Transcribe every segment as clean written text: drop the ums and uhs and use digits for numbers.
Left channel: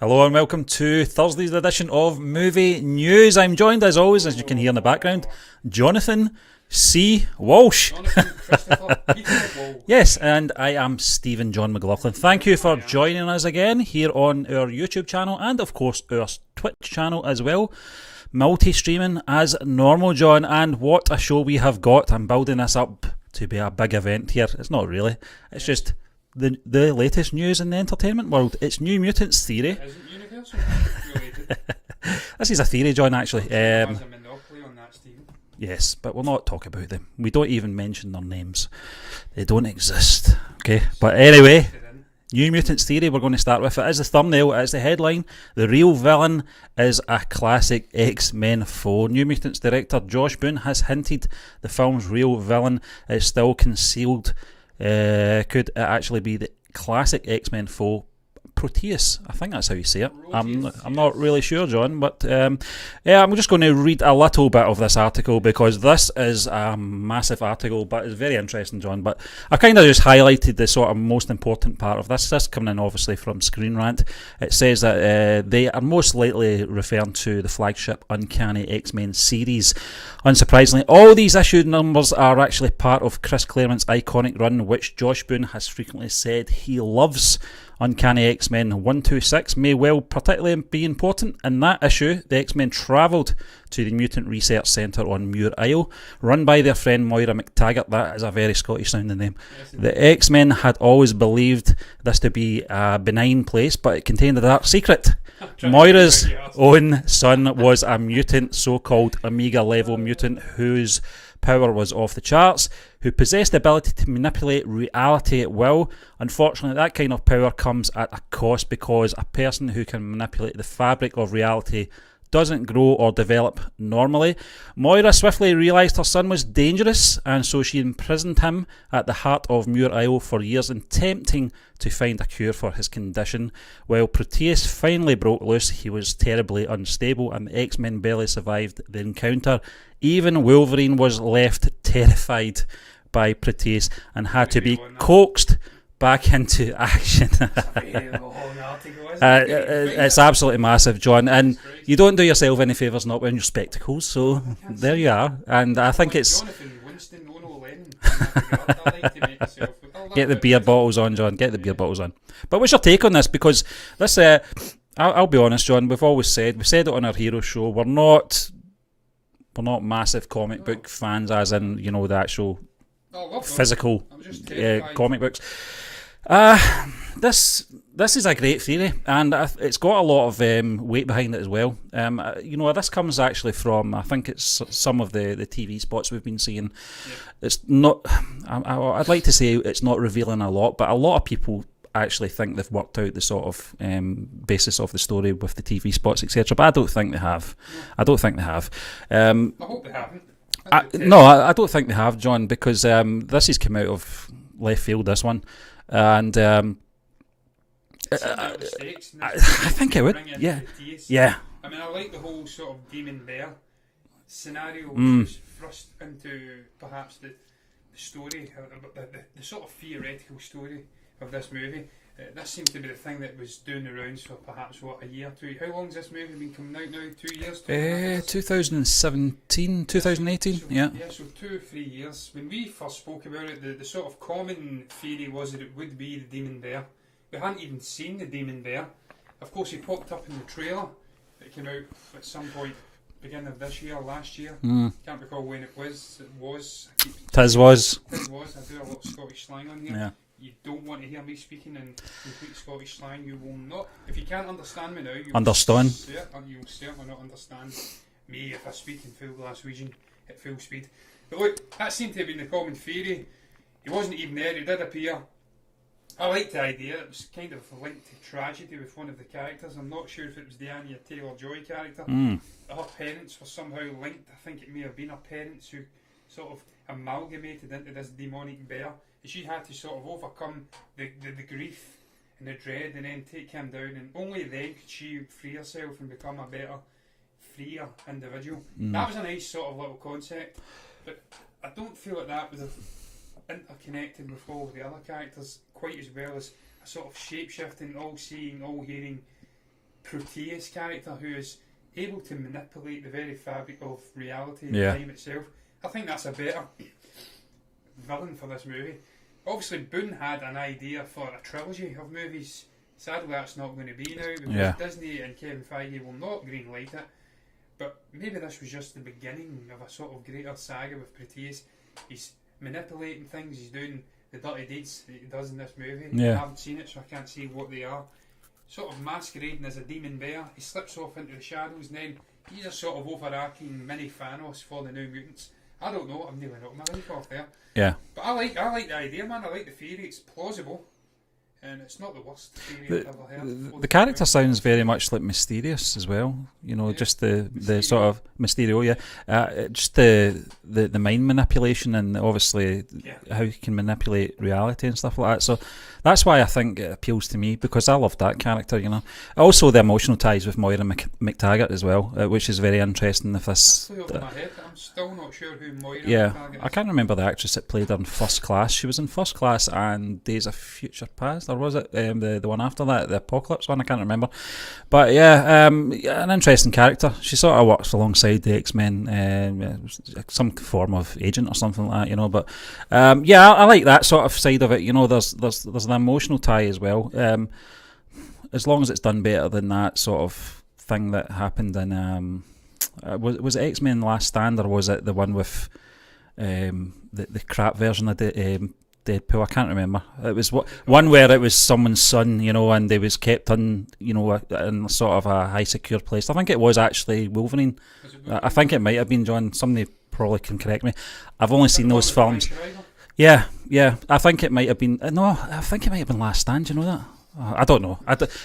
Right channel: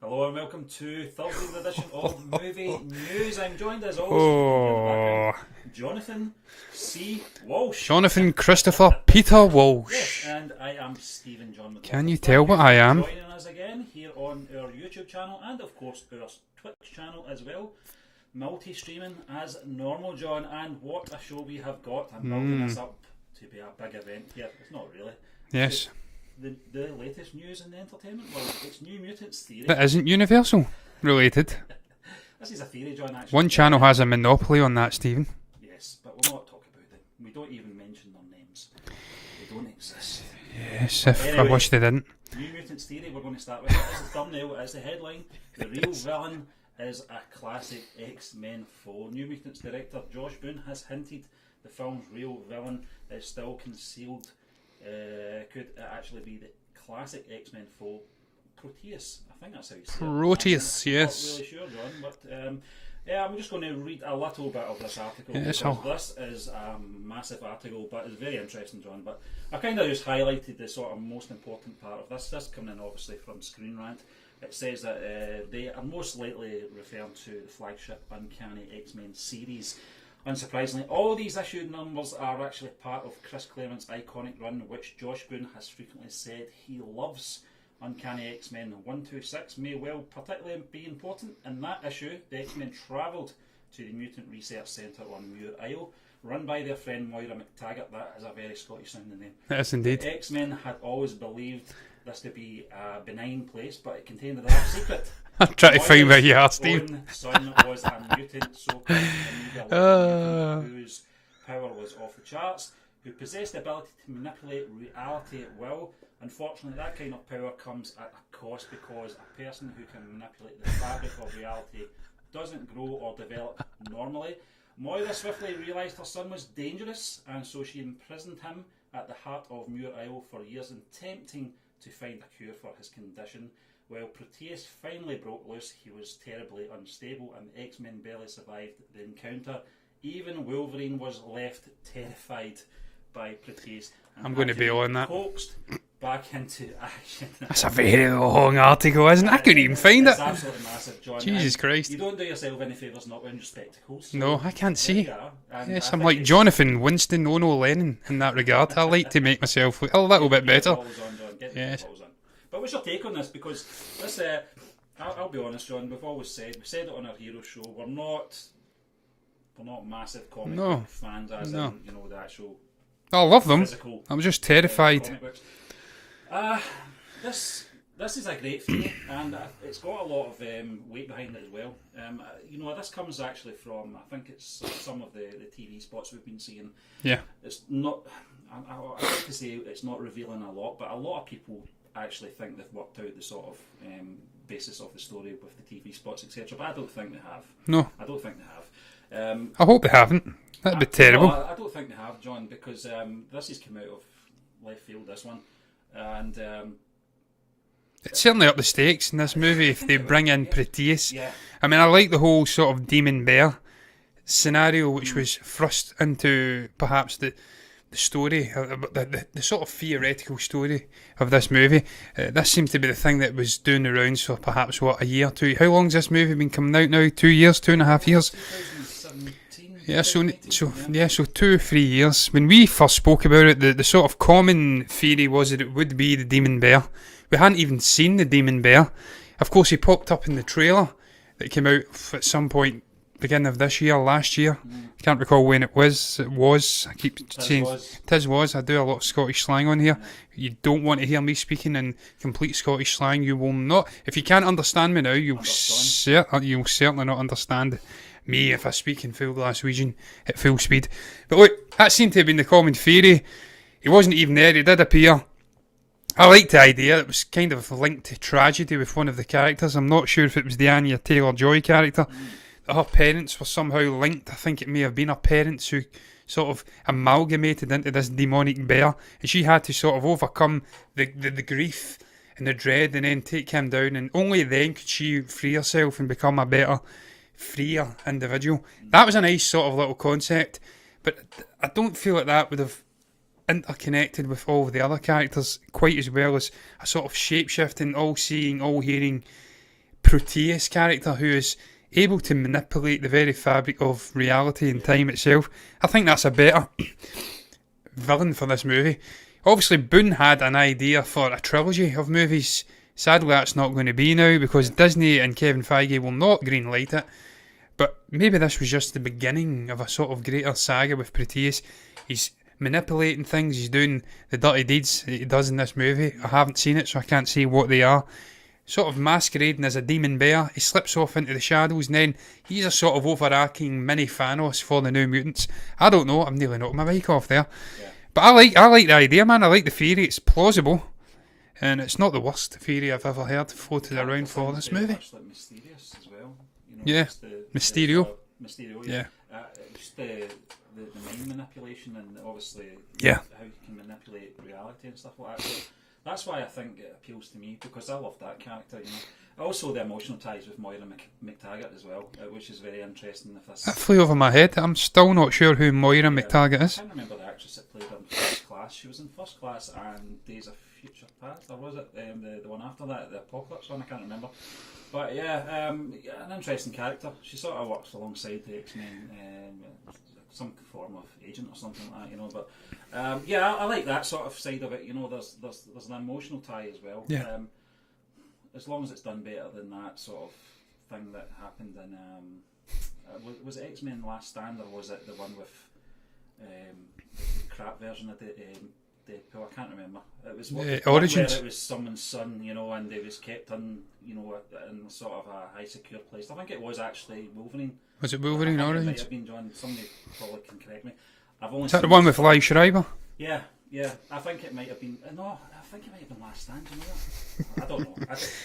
Hello and welcome to Thursday's edition of Movie News. I'm joined as always, as you can hear in the background, Jonathan C. Walsh. Jonathan Christopher Peter Walsh. Yes, and I am Stephen John McLaughlin. Thank you for joining us again here on our YouTube channel and of course our Twitch channel as well. Multi-streaming as normal, John, and what a show we have got. I'm building this up to be a big event here. It's not really. It's just the latest news in the entertainment world. It's New Mutants theory. It isn't Universal related. This is a theory, John, actually. One channel has a monopoly on that, Stephen. Yes, but we'll not talk about them. We don't even mention their names. They don't exist. Okay, yes, but anyway, I wish they didn't. New Mutants theory, we're going to start with. It is the thumbnail, it is the headline. The real villain is a classic X-Men foe. New Mutants director Josh Boone has hinted the film's real villain is still concealed. Could it actually be the classic X-Men foe, Proteus? I think that's how you say it. Proteus, I'm not really sure, John, but I'm just going to read a little bit of this article because this is a massive article, but it's very interesting, John. But I kind of just highlighted the sort of most important part of this. This coming in obviously from Screen Rant. It says that they are most likely referring to the flagship Uncanny X-Men series. Unsurprisingly, all these issue numbers are actually part of Chris Claremont's iconic run, which Josh Boone has frequently said he loves. Uncanny X-Men 126 may well particularly be important. In that issue, the X-Men travelled to the Mutant Research Centre on Muir Isle, run by their friend Moira McTaggart. That is a very Scottish sounding name. Yes, the X-Men had always believed this to be a benign place, but it contained a dark secret. Moira's own son was a mutant, so-called Omega-level mutant, whose power was off the charts, who possessed the ability to manipulate reality at will. Unfortunately, that kind of power comes at a cost, because a person who can manipulate the fabric of reality doesn't grow or develop normally. Moira swiftly realised her son was dangerous, and so she imprisoned him at the heart of Muir Isle for years, attempting to find a cure for his condition. While Proteus finally broke loose, he was terribly unstable, and the X-Men barely survived the encounter. Even Wolverine was left terrified by Proteus and had to be coaxed back into action. That's a very long article, isn't it? I couldn't even find it. It's absolutely massive, John. Jesus Christ. You don't do yourself any favours not wearing your spectacles. So no, I can't see. There you are. And I think like it's Jonathan Winston Ono Lennon in that regard. I like to make myself look a little bit better. Get the beer bottles on, John. Get the beer bottles on. But what's your take on this? Because this, I'll be honest, John. We've said it on our hero show. We're not massive comic book fans, as in the actual. I love them. Physical. I'm just terrified. Comic books. This is a great theory, and it's got a lot of weight behind it as well. This comes actually from, I think it's some of the TV spots we've been seeing. Yeah. It's not. I'd like to say it's not revealing a lot, but a lot of people actually think they've worked out the sort of basis of the story with the TV spots, etc. But I don't think they have. No, I don't think they have. I hope they haven't. That'd be terrible. No, I don't think they have, John, because this has come out of left field, this one, and it's certainly up the stakes in this movie. I think they bring in Proteus. Yeah, I mean, I like the whole sort of demon bear scenario, which was thrust into perhaps the story, the sort of theoretical story of this movie. This seemed to be the thing that was doing the rounds for perhaps, a year or two. How long's this movie been coming out now? 2 years, 2.5 years? 2017, 2018. So 2 or 3 years. When we first spoke about it, the sort of common theory was that it would be the demon bear. We hadn't even seen the demon bear. Of course, he popped up in the trailer that came out at some point beginning of this year, last year. Can't recall when it was. I keep saying Tis was. I do a lot of Scottish slang on here. Yeah. You don't want to hear me speaking in complete Scottish slang. You will not. If you can't understand me now, you'll certainly not understand me if I speak in full Glaswegian at full speed. But look, that seemed to have been the common theory. He wasn't even there. He did appear. I liked the idea. It was kind of linked to tragedy with one of the characters. I'm not sure if it was the Anya Taylor-Joy character. Her parents were somehow linked. I think it may have been her parents who sort of amalgamated into this demonic bear, and she had to sort of overcome the grief and the dread and then take him down, and only then could she free herself and become a better, freer individual. That was a nice sort of little concept, but I don't feel like that would have interconnected with all of the other characters quite as well as a sort of shape-shifting, all-seeing, all-hearing Proteus character who is able to manipulate the very fabric of reality and time itself. I think that's a better villain for this movie. Obviously, Boone had an idea for a trilogy of movies. Sadly, that's not going to be now because Disney and Kevin Feige will not greenlight it. But maybe this was just the beginning of a sort of greater saga with Proteus. He's manipulating things. He's doing the dirty deeds that he does in this movie. I haven't seen it, so I can't see what they are. Sort of masquerading as a demon bear. He slips off into the shadows, and then he's a sort of overarching mini Thanos for the New Mutants. I don't know. I'm nearly knocked my mic off there. Yeah. But I like the idea, man. I like the theory. It's plausible. And it's not the worst theory I've ever heard. The character sounds very much like Mysterious as well. You know, just the sort of Mysterio, just the mind manipulation and obviously how you can manipulate reality and stuff like that. So that's why I think it appeals to me, because I love that character, you know. Also the emotional ties with Moira McTaggart as well, which is very interesting. If this that flew over my head. I'm still not sure who Moira McTaggart is. I can't remember the actress that played her in First Class. She was in First Class and Days of Future Past, or was it the one after that, the Apocalypse one? I can't remember. But an interesting character. She sort of works alongside the X-Men, some form of agent or something like that, you know. But I like that sort of side of it. You know, there's an emotional tie as well. As long as it's done better than that sort of thing that happened in was it X-Men Last Stand, or was it the one with the crap version of Deadpool? I can't remember. It was one where it was someone's son, you know, and they was kept in sort of a high secure place. I think it was actually Wolverine. Was it Wolverine? I think it might have been, John. Somebody probably can correct me. I've only seen the one those with films. Live Schreiber. Yeah. I think it might have been. No, I think it might have been Last Stand. You know that? I don't know.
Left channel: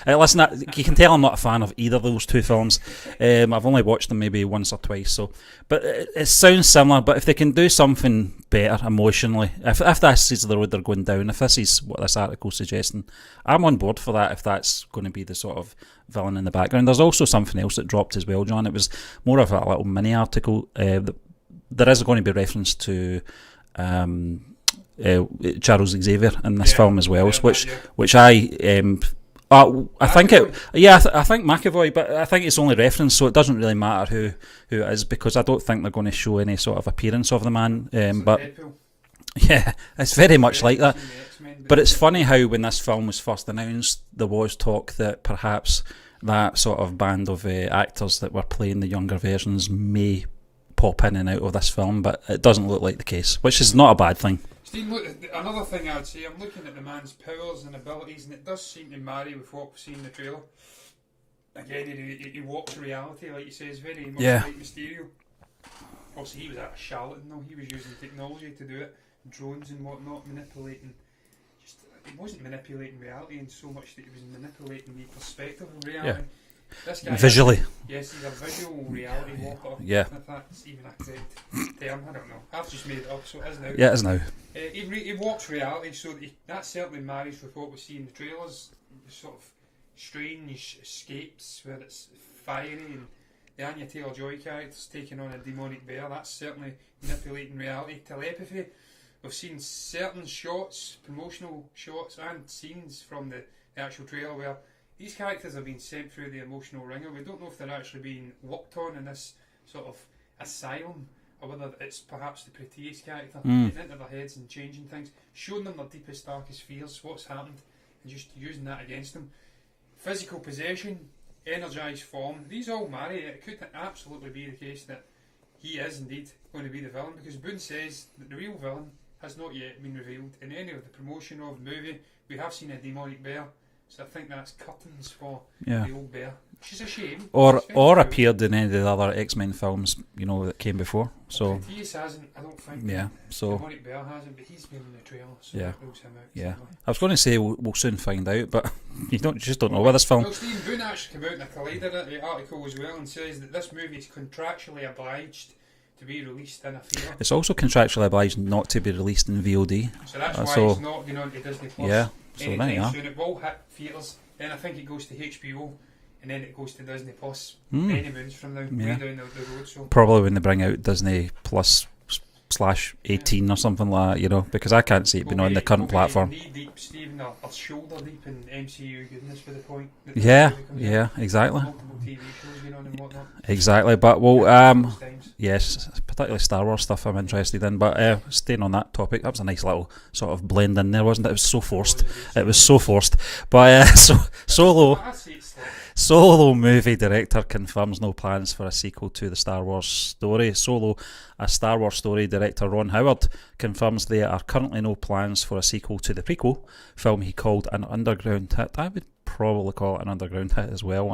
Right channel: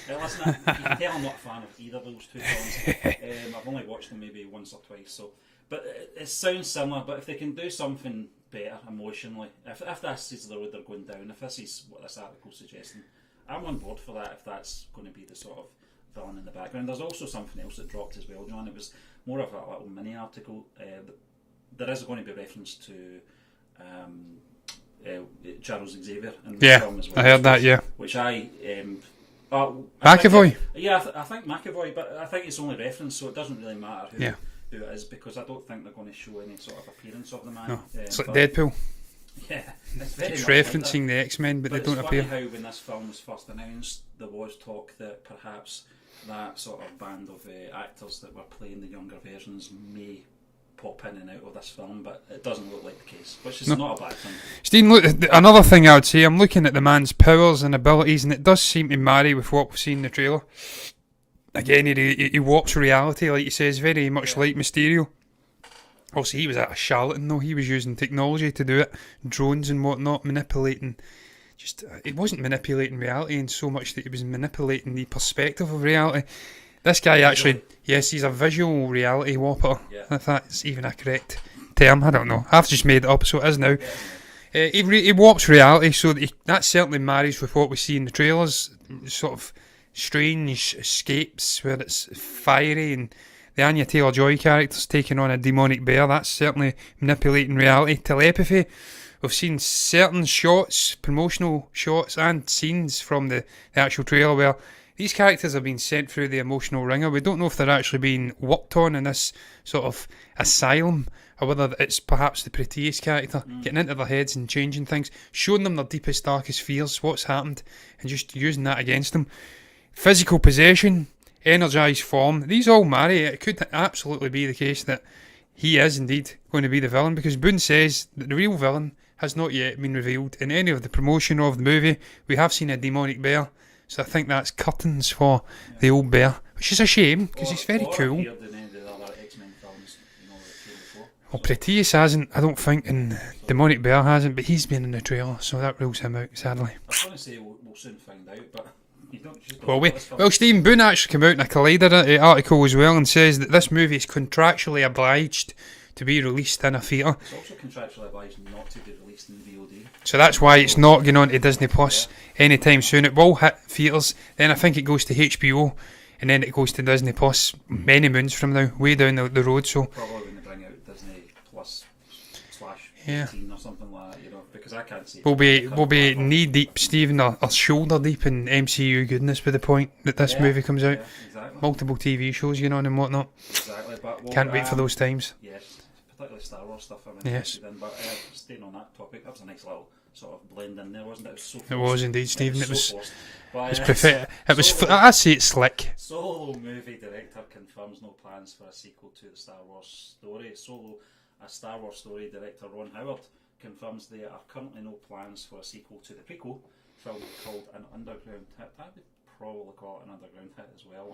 Listen, you can tell I'm not a fan of either of those two films. I've only watched them maybe once or twice. So, but it sounds similar. But if they can do something better emotionally, if this is the road they're going down, if this is what this article's suggesting, I'm on board for that. If that's going to be the sort of villain in the background, there's also something else that dropped as well, John. It was more of a little mini article. There is going to be reference to Charles Xavier in this film as well, which I think I think McAvoy, but I think it's only reference, so it doesn't really matter who it is, because I don't think they're going to show any sort of appearance of the man. It's like Deadpool. Yeah, it's very much like that. The X-Men, but it's funny how when this film was first announced, there was talk that perhaps that sort of band of actors that were playing the younger versions may pop in and out of this film, but it doesn't look like the case, which is not a bad thing. Stephen, look, another thing I would say, I'm looking at the man's powers and abilities, and it does seem to marry with what we've seen in the trailer. Again, he warps reality, like he says, very much like Mysterio. Also, he was a charlatan, though. He was using technology to do it, drones and whatnot, manipulating. It wasn't manipulating reality in so much that he was manipulating the perspective of reality. This guy visually. He's a visual reality warper. Yeah. If that's even a correct term, I don't know. I've just made it up, so it is now. Yeah, it is now. He warps reality, so that certainly marries with what we see in the trailers. Sort of strange escapes where it's fiery, and the Anya Taylor-Joy character's taking on a demonic bear. That's certainly manipulating reality. Telepathy. We've seen certain shots, promotional shots and scenes from the actual trailer where these characters have been sent through the emotional ringer. We don't know if they're actually being worked on in this sort of asylum, or whether it's perhaps the Proteus character getting into their heads and changing things, showing them their deepest, darkest fears, what's happened, and just using that against them. Physical possession, energised form, these all marry. It could absolutely be the case that he is indeed going to be the villain, because Boone says that the real villain has not yet been revealed. In any of the promotion of the movie, we have seen a demonic bear. So I think that's curtains for the old bear, which is a shame. Or cool. Appeared in any of the other X-Men films, you know, that came before. Well, so Proteus hasn't, I don't think, and Demonic Bear hasn't, but he's been in the trailer, so that rules him out, sadly. I was going to say we'll soon find out, but you just don't know where this film... Well, Stephen Boone actually came out in a Collider article as well and says that this movie is contractually obliged to be released in a theatre. It's also contractually obliged not to be released in VOD. So that's why it's not going on to Disney Plus anytime soon. It will hit theatres, then I think it goes to HBO, and then it goes to Disney Plus many moons from now, way down the road. So probably when they bring out Disney Plus 18 or something like that, because I can't see it being on the current platform. We'll be knee deep, Stephen, or shoulder deep in MCU goodness by the point that this movie comes out. Yeah, exactly. Multiple TV shows, and whatnot. Exactly, but we'll can't wait for those times. Yes, particularly Star Wars stuff I'm interested in. But staying on that topic, that was a nice little sort of blend in there, wasn't it? It was so forced. It was indeed, Stephen. It was so forced. But I say it's slick. Solo movie director confirms no plans for a sequel to the Star Wars story. Solo, a Star Wars story director, Ron Howard, confirms there are currently no plans for a sequel to the prequel film he called an underground hit. I would probably call it an underground hit as well.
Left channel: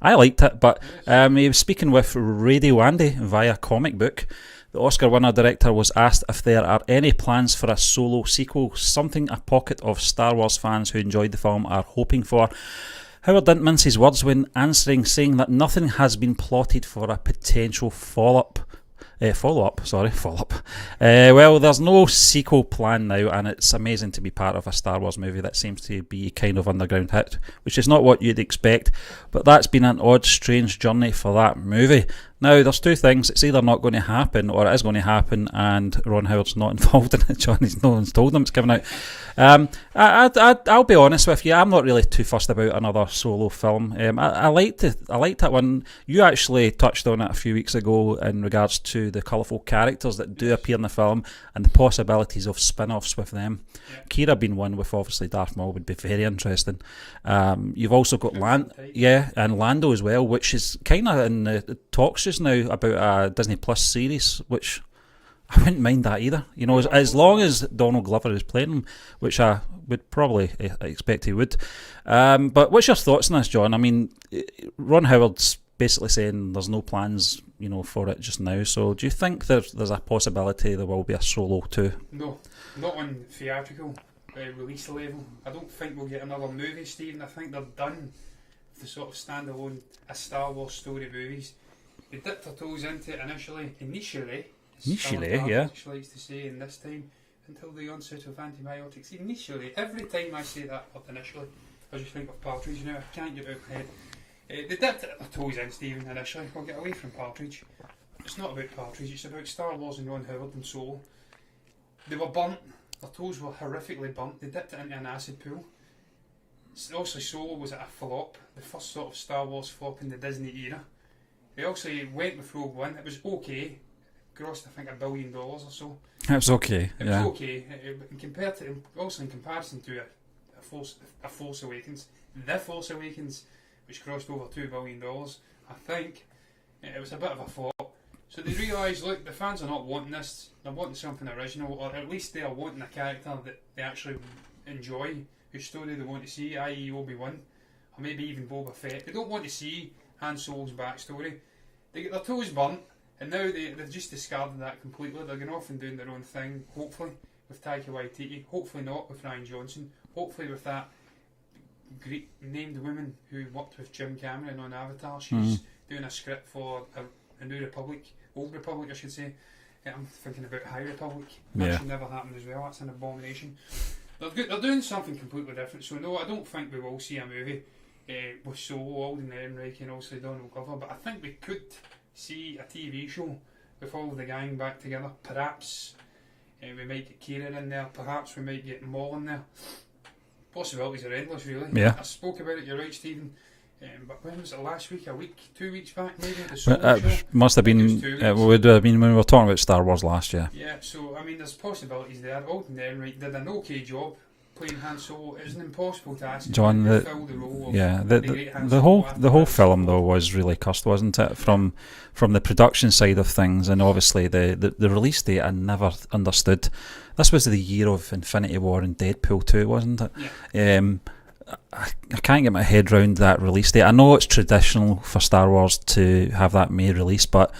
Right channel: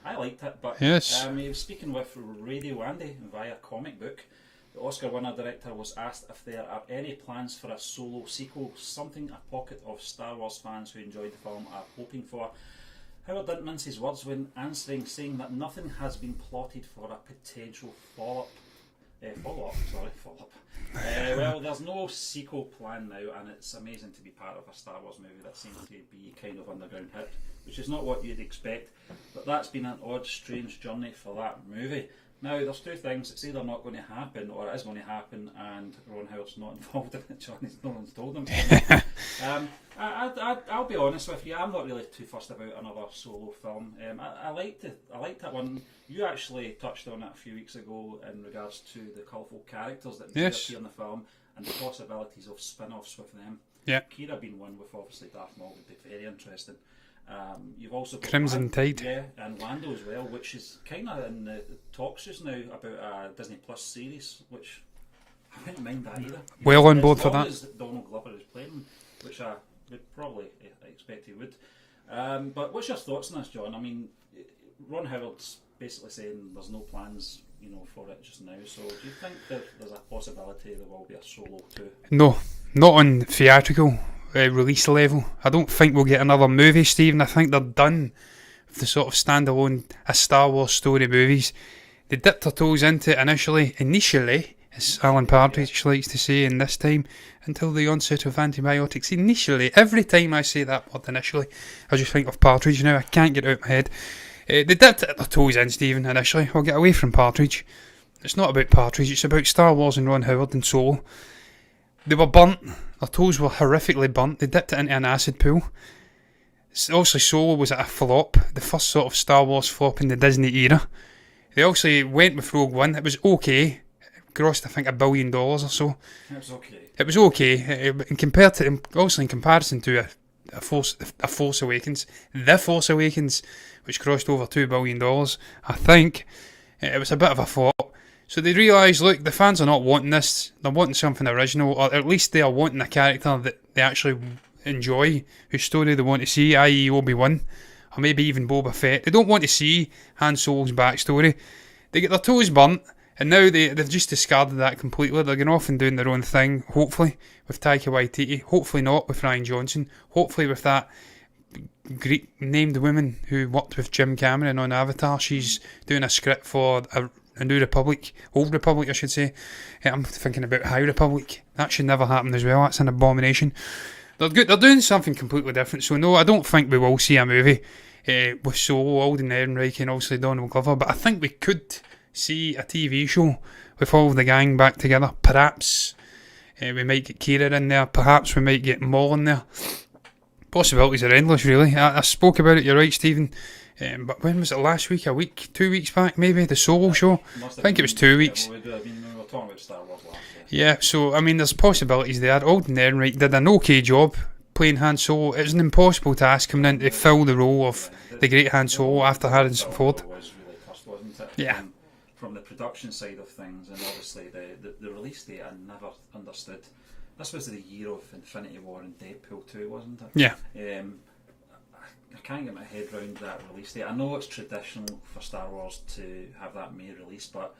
I liked it, but yes. He was speaking with Radio Andy via Comic Book. The Oscar winner director was asked if there are any plans for a Solo sequel, something a pocket of Star Wars fans who enjoyed the film are hoping for. Howard didn't mince his words when answering, saying that nothing has been plotted for a potential follow-up. Well, there's no sequel plan now, and it's amazing to be part of a Star Wars movie that seems to be kind of underground hit, which is not what you'd expect, but that's been an odd, strange journey for that movie. Now, there's two things. It's either not going to happen or it is going to happen, and Ron Howard's not involved in it. No one's told him it's coming out. I'll be honest with you. I'm not really too fussed about another Solo film. I liked that one. You actually touched on it a few weeks ago in regards to the colourful characters that do appear in the film and the possibilities of spin-offs with them. Yeah. Kira being one with obviously Darth Maul would be very interesting. You've also got and Lando as well, which is kind of in the talks just now about a Disney Plus series, which I wouldn't mind that either. As long as Donald Glover is playing him, which I would probably expect he would. But what's your thoughts on this, John? I mean, Ron Howard's basically saying there's no plans, for it just now. So do you think there's a possibility there will be a Solo 2? No, not on theatrical release level. I don't think we'll get another movie, Stephen. I think they're done with the sort of standalone Star Wars story movies. They dipped their toes into it initially, as Alan Partridge likes to say in this time, until the onset of antibiotics. Initially, every time I say that word initially, I just think of Partridge now. I can't get it out of my head. They dipped their toes in, Stephen, initially. We'll get away from Partridge. It's not about Partridge, it's about Star Wars and Ron Howard and Solo. They were burnt. Their toes were horrifically burnt. They dipped it into an acid pool. Also, Solo was a flop, the first sort of Star Wars flop in the Disney era. They also went with Rogue One. It was okay. It grossed, I think, $1 billion or so. It was okay. It was okay. In comparison to a Force Awakens, The Force Awakens, which crossed over $2 billion, I think it was a bit of a flop. So they realised, look, the fans are not wanting this. They're wanting something original, or at least they are wanting a character that they actually enjoy, whose story they want to see, i.e. Obi-Wan, or maybe even Boba Fett. They don't want to see Han Solo's backstory. They get their toes burnt, and now they've just discarded that completely. They're going off and doing their own thing, hopefully, with Taika Waititi. Hopefully not with Rian Johnson. Hopefully with that Greek named woman who worked with Jim Cameron on Avatar. She's doing a script for a New Republic, Old Republic I should say. I'm thinking about High Republic. That should never happen as well. That's an abomination. They're doing something completely different. So no, I don't think we will see a movie with Solo, Alden Ehrenreich and obviously Donald Glover, but I think we could see a TV show with all the gang back together. Perhaps we might get Kira in there. Perhaps we might get Maul in there. Possibilities are endless, really. I spoke about it, you're right, Stephen. But when was it, last week, 2 weeks back maybe, the Solo show? Must have I think been, it was 2 weeks. It would have been when we were talking about Star Wars last year. Yeah, so I mean there's possibilities there. Alden Ehrenreich did an okay job playing Han Solo. It was an impossible task coming in to fill the role of the great Han Solo after Harrison Ford. The whole film though was really cursed, wasn't it? From the production side of things, and obviously the release date I never understood. This was the year of Infinity War and Deadpool 2, wasn't it? Yeah. I can't get my head around that release date. I know it's traditional for Star Wars to have that May release, but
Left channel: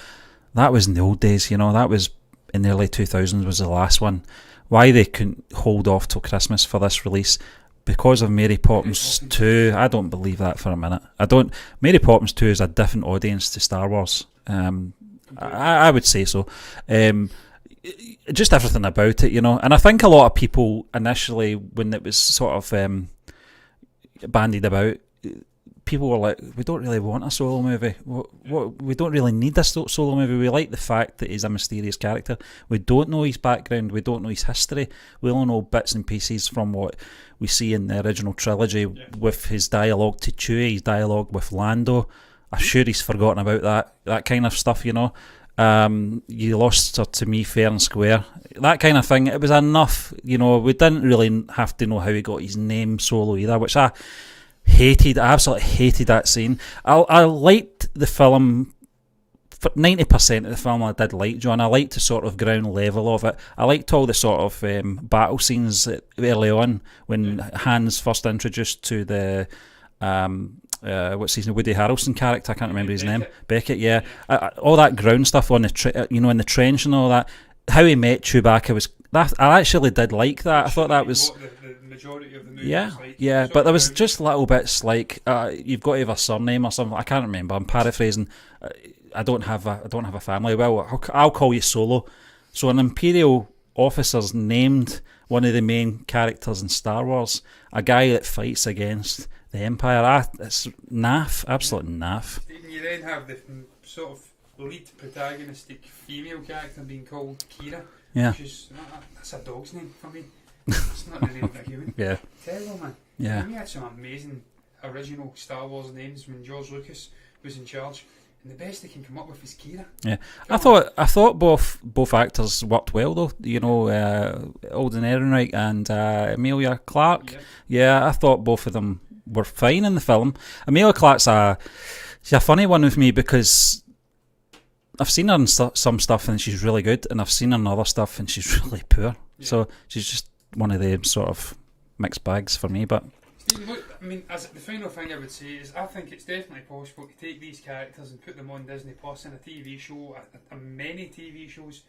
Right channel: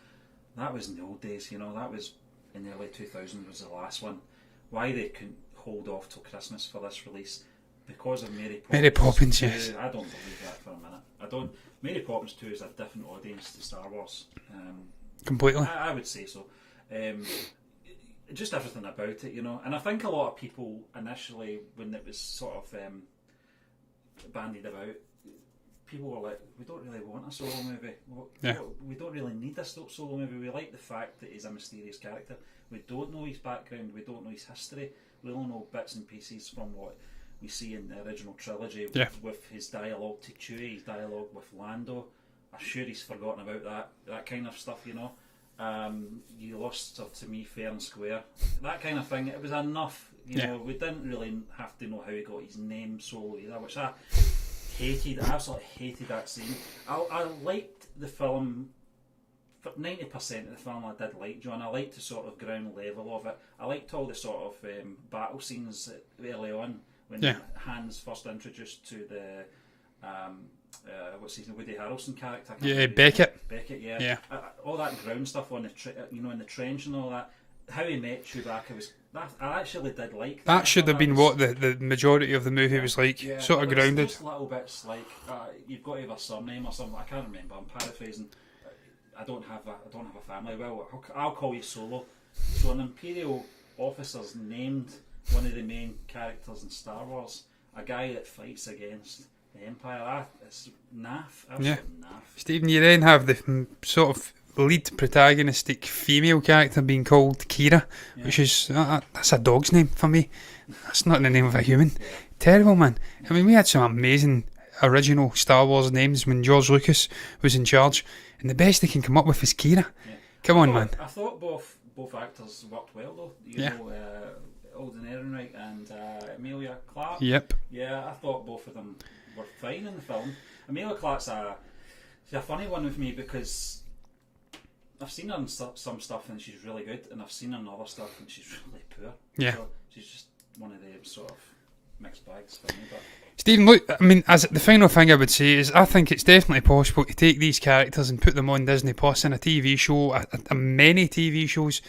that was in the old days, that was in the early 2000s was the last one. Why they couldn't hold off till Christmas for this release? Because of Mary Poppins 2. I don't believe that for a minute. Mary Poppins 2 is a different audience to Star Wars. Completely. I would say so. Just everything about it, and I think a lot of people initially, when it was sort of bandied about, people were like, we don't really want a solo movie. We don't really need a solo movie. We like the fact that he's a mysterious character. We don't know his background. We don't know his history. We only know bits and pieces from what we see in the original trilogy with his dialogue to Chewie, his dialogue with Lando. I'm sure he's forgotten about that kind of stuff, you know. You lost her to me fair and square, that kind of thing. It was enough, you know. We didn't really have to know how he got his name Solo either, which I hated. I absolutely hated that scene. I liked the film. For 90% of the film I did like, John. I liked the sort of ground level of it. I liked all the sort of battle scenes early on when Han's first introduced to the what's his name, Woody Harrelson character, I can't remember his name. Beckett, yeah. All that ground stuff on the in the trench and all that. How he met Chewbacca was that. I actually did like that. That should have been what the majority of the movie was like. Yeah, but there was just little bits like you've got to have a surname or something. I can't remember. I'm paraphrasing. I don't have a family. Well, I'll call you Solo. So an Imperial officer's named one of the main characters in Star Wars, a guy that fights against the Empire. It's naff, absolute naff. Stephen, you then have the sort of lead protagonistic female character being called Kira, which is that's a dog's name for me. That's not the name of a human. Terrible, man. I mean, we had some amazing original Star Wars names when George Lucas was in charge, and the best they can come up with is Kira. I thought both actors worked well though. You know, Alden Ehrenreich and Emilia Clarke. Yeah, I thought both of them were fine in the film. Emilia Clarke's she's a funny one with me because I've seen her in some stuff and she's really good, and I've seen her in other stuff and she's really poor. So she's just one of the sort of mixed bags for me. But Stephen, look, I mean, as the final thing I would say is I think it's definitely possible to take these characters and put them on Disney Plus in a TV show, many TV shows.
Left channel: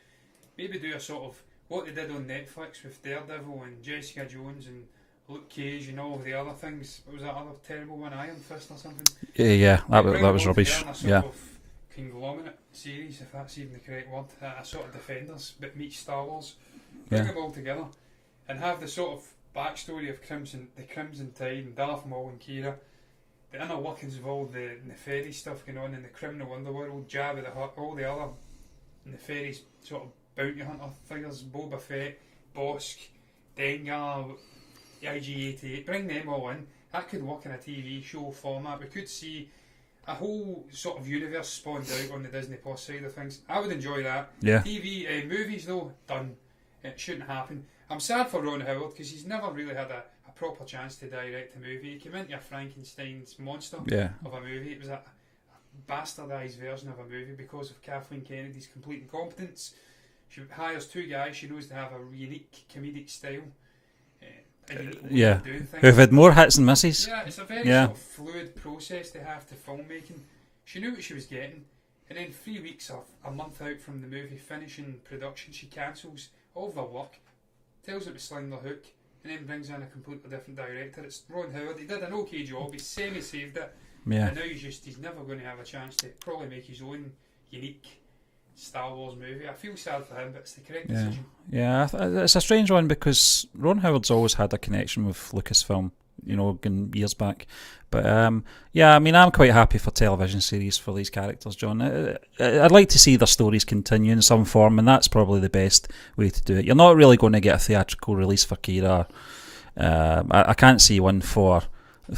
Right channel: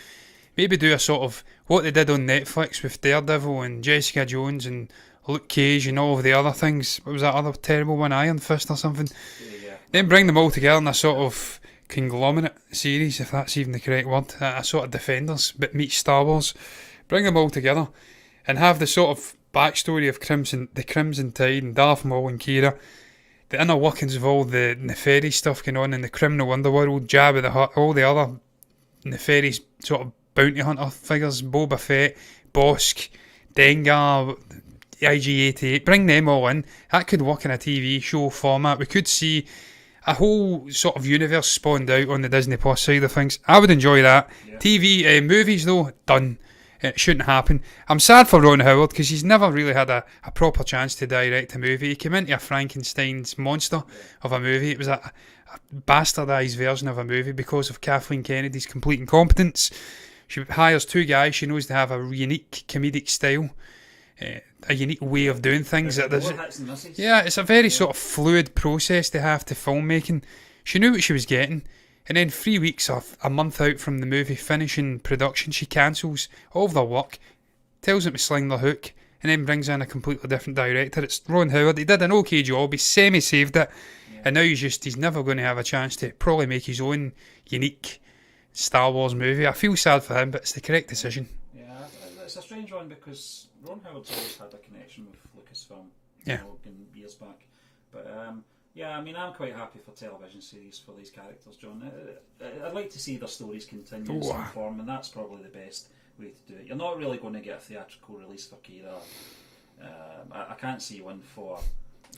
Maybe do a sort of what they did on Netflix with Daredevil and Jessica Jones and Luke Cage and all of the other things. What was that other terrible one, Iron Fist or something? Yeah. Then bring them all together in a sort of conglomerate series, if that's even the correct word. A sort of Defenders, but meets Star Wars. Bring them all together and have the sort of backstory of the Crimson Tide and Darth Maul and Kira, the inner workings of all the nefarious stuff going on in the criminal underworld, Jabba the Hutt, all the other nefarious sort of bounty hunter figures, Boba Fett, Bosk, Dengar, IG-88, bring them all in. That could work in a TV show format. We could see a whole sort of universe spawned out on the Disney Plus side of things. I would enjoy that. TV, movies though, done. It shouldn't happen. I'm sad for Ron Howard because he's never really had a proper chance to direct a movie. He came into a Frankenstein's monster of a movie. It was a bastardised version of a movie because of Kathleen Kennedy's complete incompetence. She hires two guys she knows they have a unique comedic style, a unique way of doing things. We've had more hits and misses. Yeah, it's a very sort of fluid process they have to filmmaking. She knew what she was getting. And then 3 weeks or a month out from the movie finishing production, she cancels all of their work, tells them to sling their hook, and then brings in a completely different director. It's Ron Howard. He did an okay job. He semi-saved it. And now he's never going to have a chance to probably make his own unique Star Wars movie. I feel sad for him, but it's the correct decision. Yeah, it's a strange one because Ron Howard's always had a connection with Lucasfilm, you know, going years back. But I mean, I'm quite happy for television series for these characters, John. I'd like to see their stories continue in some form, and that's probably the best way to do it. You're not really going to get a theatrical release for Kira. I can't see one for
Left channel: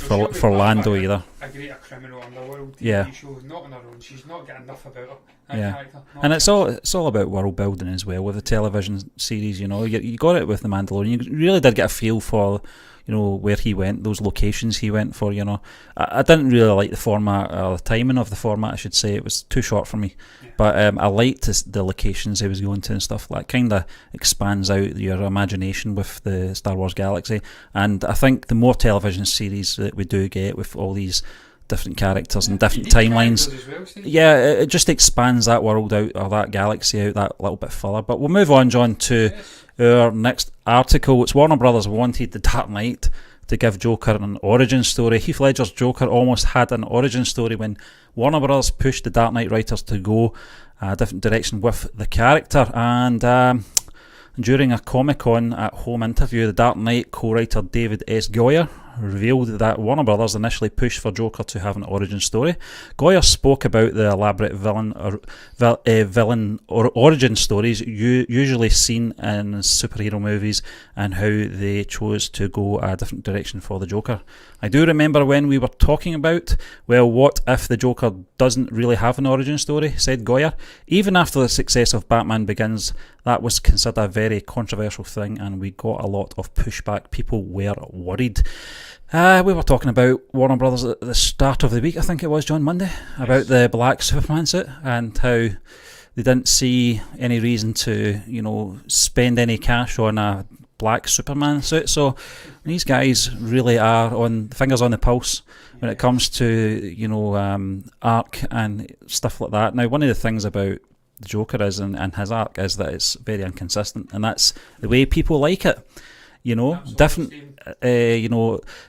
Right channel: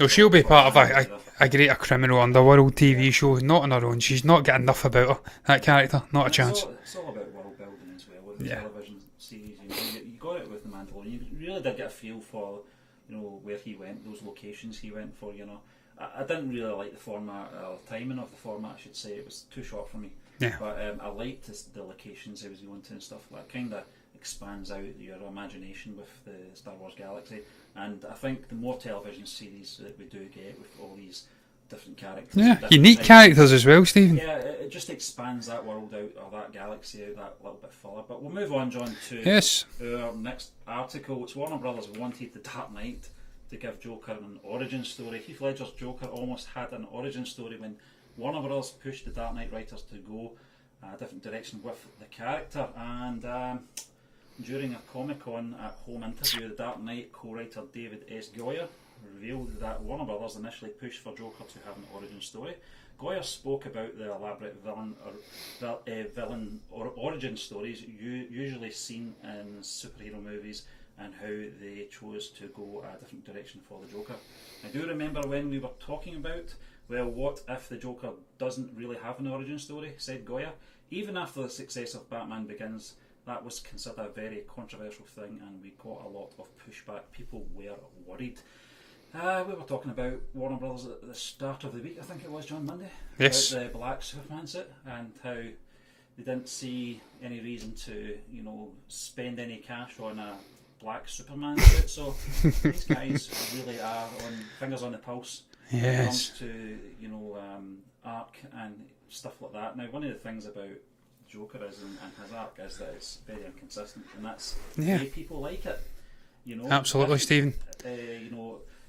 she'll be part Lando of either. A greater criminal underworld TV show, not on her own. She's not got enough about her, that character. Not a chance. It's all about world building as well with the television series. You know, you got it with The Mandalorian. You really did get a feel for, you know, where he went, those locations he went for, you know. I didn't really like the format, or the timing of the format, I should say. It was too short for me. But I liked the locations he was going to and stuff. Like, kind of expands out your imagination with the Star Wars galaxy. And I think the more television series that we do get with all these different characters and different unique timelines, characters as well, Steve. Yeah, it just expands that world out, or that galaxy out, that little bit further. But we'll move on, John, to our next article. It's Warner Brothers wanted The Dark Knight to give Joker an origin story. Heath Ledger's Joker almost had an origin story when Warner Brothers pushed the Dark Knight writers to go a different direction with the character. And during a Comic-Con at home interview, the Dark Knight co-writer David S. Goyer, revealed that Warner Brothers initially pushed for Joker to have an origin story. Goyer spoke about the elaborate villain origin stories usually seen in superhero movies and how they chose to go a different direction for the Joker. I do remember when we were talking about, well, what if the Joker doesn't really have an origin story, said Goyer. Even after the success of Batman Begins, that was considered a very controversial thing and we got a lot of pushback. People were worried. We were talking about Warner Brothers at the start of the week, I think it was, John, Monday, about the black Superman suit and how they didn't see any reason to, spend any cash on a black Superman suit. So these guys really are on fingers on the pulse when it comes to arc and stuff like that. Now, one of the things about the Joker is and his arc is that it's very inconsistent, and that's the way people like it. Absolutely, Stephen.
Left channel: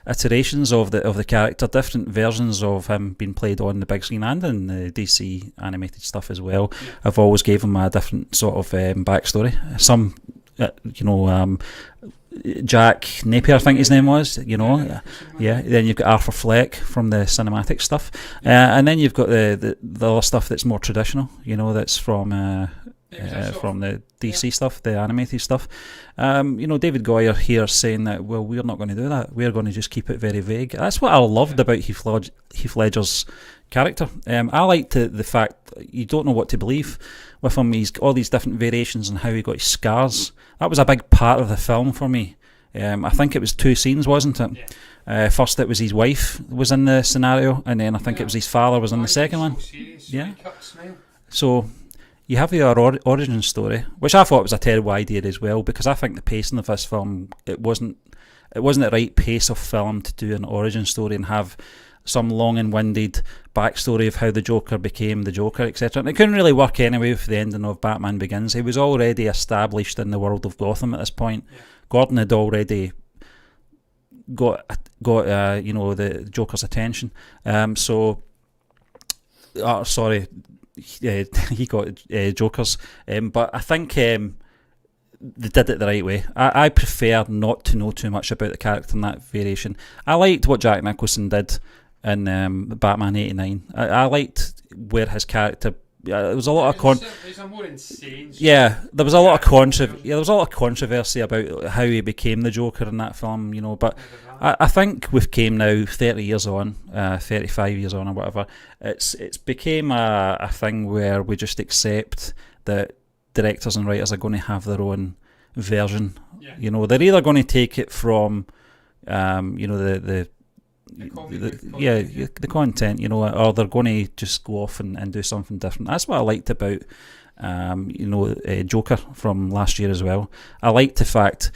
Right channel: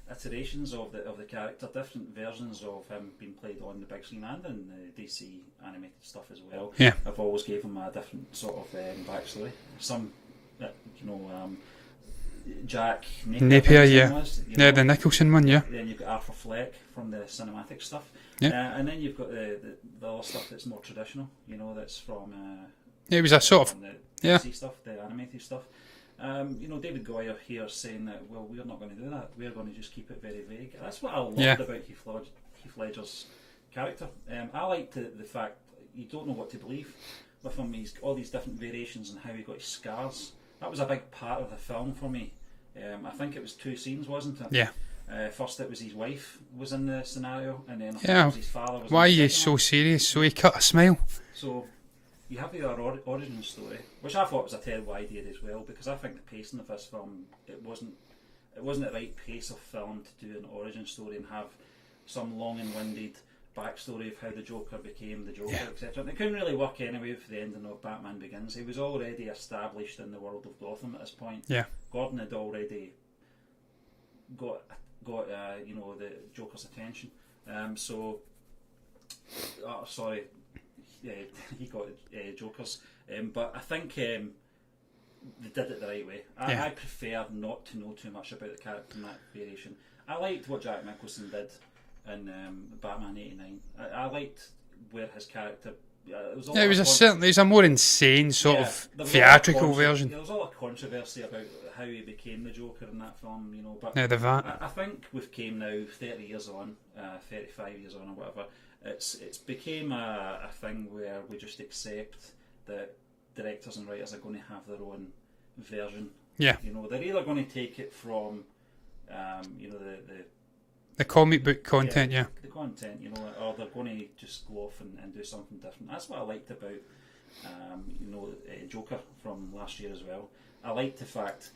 Iterations of the character, different versions of him being played on the big screen and in the DC animated stuff as well. Yeah. I've always gave him a different sort of backstory. Some Jack Napier, I think his name was. The Nicholson one. Yeah. Then you've got Arthur Fleck from the cinematic stuff, and then you've got the other stuff that's more traditional. That's from. It was a sort from the DC stuff, the animated stuff. David Goyer here saying that, well, we're not going to do that. We're going to just keep it very vague. That's what I loved about Heath Ledger's character. I liked the fact you don't know what to believe with him. He's got all these different variations on how he got his scars. That was a big part of the film for me. I think it was 2 scenes, wasn't it? Yeah. First it was his wife was in the scenario, and then I think it was his father was in the second one. Why are you so serious? So he cut a smile. So you have your origin story, which I thought was a terrible idea as well, because I think the pacing of this film, it wasn't the right pace of film to do an origin story and have some long and winded backstory of how the Joker became the Joker, etc. And it couldn't really work anyway with the ending of Batman Begins. He was already established in the world of Gotham at this point. Yeah. Gordon had already got the Joker's attention. He got Joker's, but I think they did it the right way. I prefer not to know too much about the character in that variation. I liked what Jack Nicholson did in Batman '89. I liked where his character. There was a lot of it was a more insane. There was a lot of controversy. There was a lot of controversy about how he became the Joker in that film. But I think we've came now 30 years on, 35 years on, or whatever. It's became a thing where we just accept that directors and writers are going to have their own version. Yeah. They're either going to take it from, the comic book content, the content, or they're going to just go off and do something different. That's what I liked about, Joker from last year as well. I liked the fact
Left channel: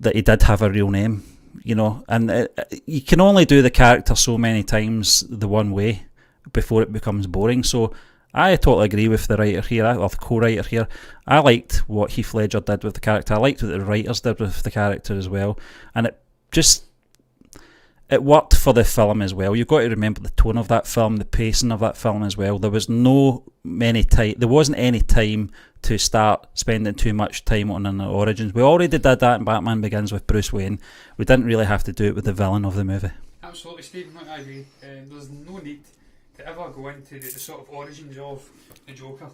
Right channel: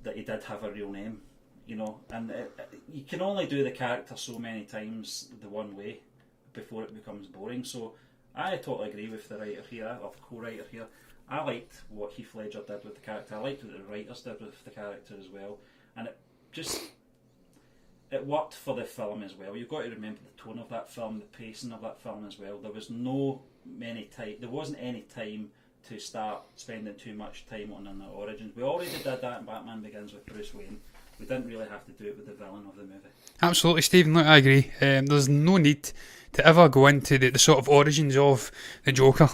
that he did have a real name, and you can only do the character so many times the one way before it becomes boring. So I totally agree with the writer here, or the co-writer here. I liked what Heath Ledger did with the character. I liked what the writers did with the character as well, and it worked for the film as well. You've got to remember the tone of that film, the pacing of that film as well. There wasn't any time to start spending too much time on an origins. We already did that in Batman Begins with Bruce Wayne. We didn't really have to do it with the villain of the movie. Absolutely, Stephen. Look, I agree. There's no need to ever go into the sort of origins of the Joker.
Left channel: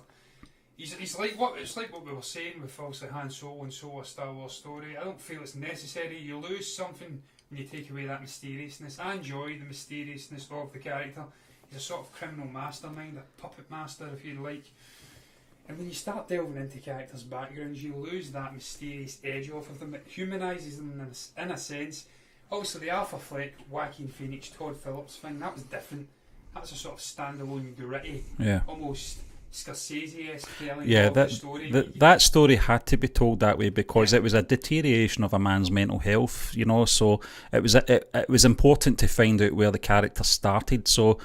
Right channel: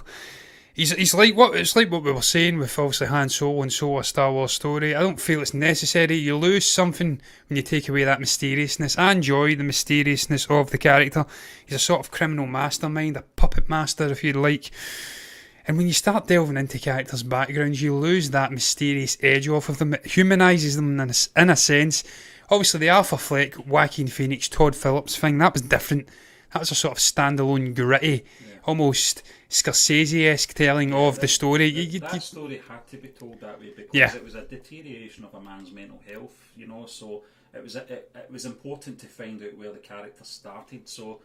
He's like what we were saying with obviously Han Solo and a Star Wars story. I don't feel it's necessary. You lose something when you take away that mysteriousness. I enjoy the mysteriousness of the character. He's a sort of criminal mastermind, a puppet master, if you like. And when you start delving into characters' backgrounds, you lose that mysterious edge off of them. It humanises them in a sense. Obviously, the Arthur Fleck, Joaquin Phoenix, Todd Phillips thing, that was different. That was a sort of standalone, gritty, almost Scorsese-esque telling of the story. That story had to be told that way because it was a deterioration of a man's mental health, so it was important to find out where the character started. So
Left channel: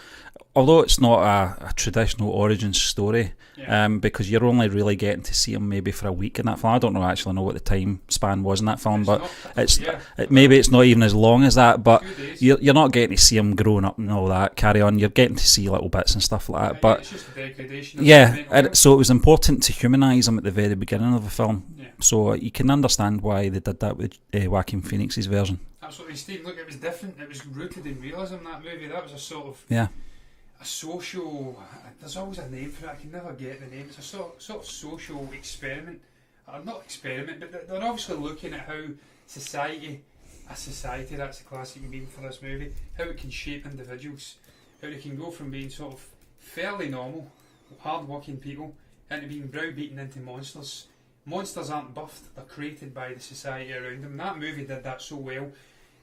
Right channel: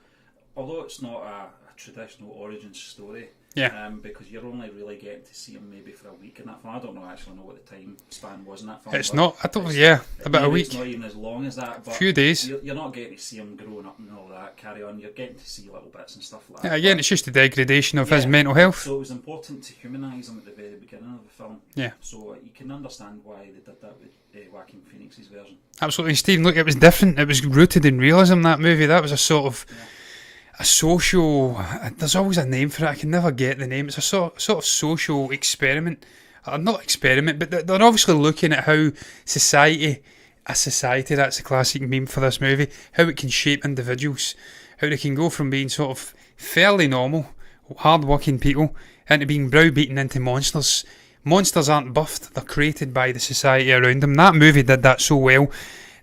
although it's not a traditional origin story, Yeah. because you're only really getting to see him maybe for a week in that film. I don't actually know what the time span was in that film, It's but not. I don't. Yeah. maybe it's not even as long as that. But a few days. you're not getting to see him growing up and all that. Carry on. You're getting to see little bits and stuff like that. Again, it's just the degradation of his mental health. So it was important to humanise him at the very beginning of the film. Yeah. So you can understand why they did that with Joaquin Phoenix's version. Absolutely, Stephen. Look, it was different. It was rooted in realism. That movie. That was a sort of a social. There's always a name for it. I can never get the name. It's a sort of social experiment. Not experiment, but they're obviously looking at how society. That's a classic meme for this movie. How it can shape individuals. How they can go from being sort of fairly normal, hard-working people into being browbeaten into monsters. Monsters aren't buffed, they're created by the society around them. That movie did that so well.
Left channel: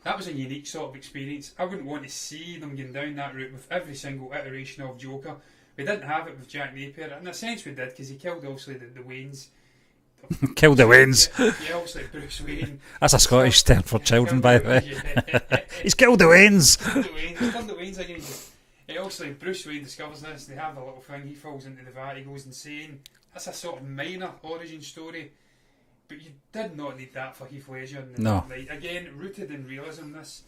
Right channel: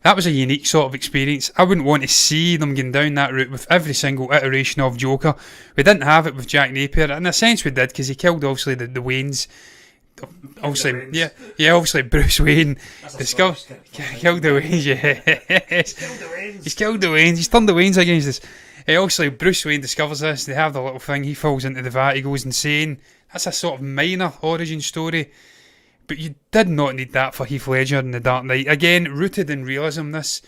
That was a unique sort of experience. I wouldn't want to see them going down that route with every single iteration of Joker. We didn't have it with Jack Napier. In a sense we did, because he killed obviously the Waynes. Killed the Waynes. Yeah, obviously Bruce Wayne. That's a Scottish term for children. Killed the Waynes, yeah. He's killed the Waynes. He's killed the Waynes. He's turned the Waynes against us. Obviously Bruce Wayne discovers this. They have the little thing. He falls into the vat. He goes insane. That's a sort of minor origin story. But you did not need that for Heath Ledger in The Dark Knight. Again, rooted in realism, this.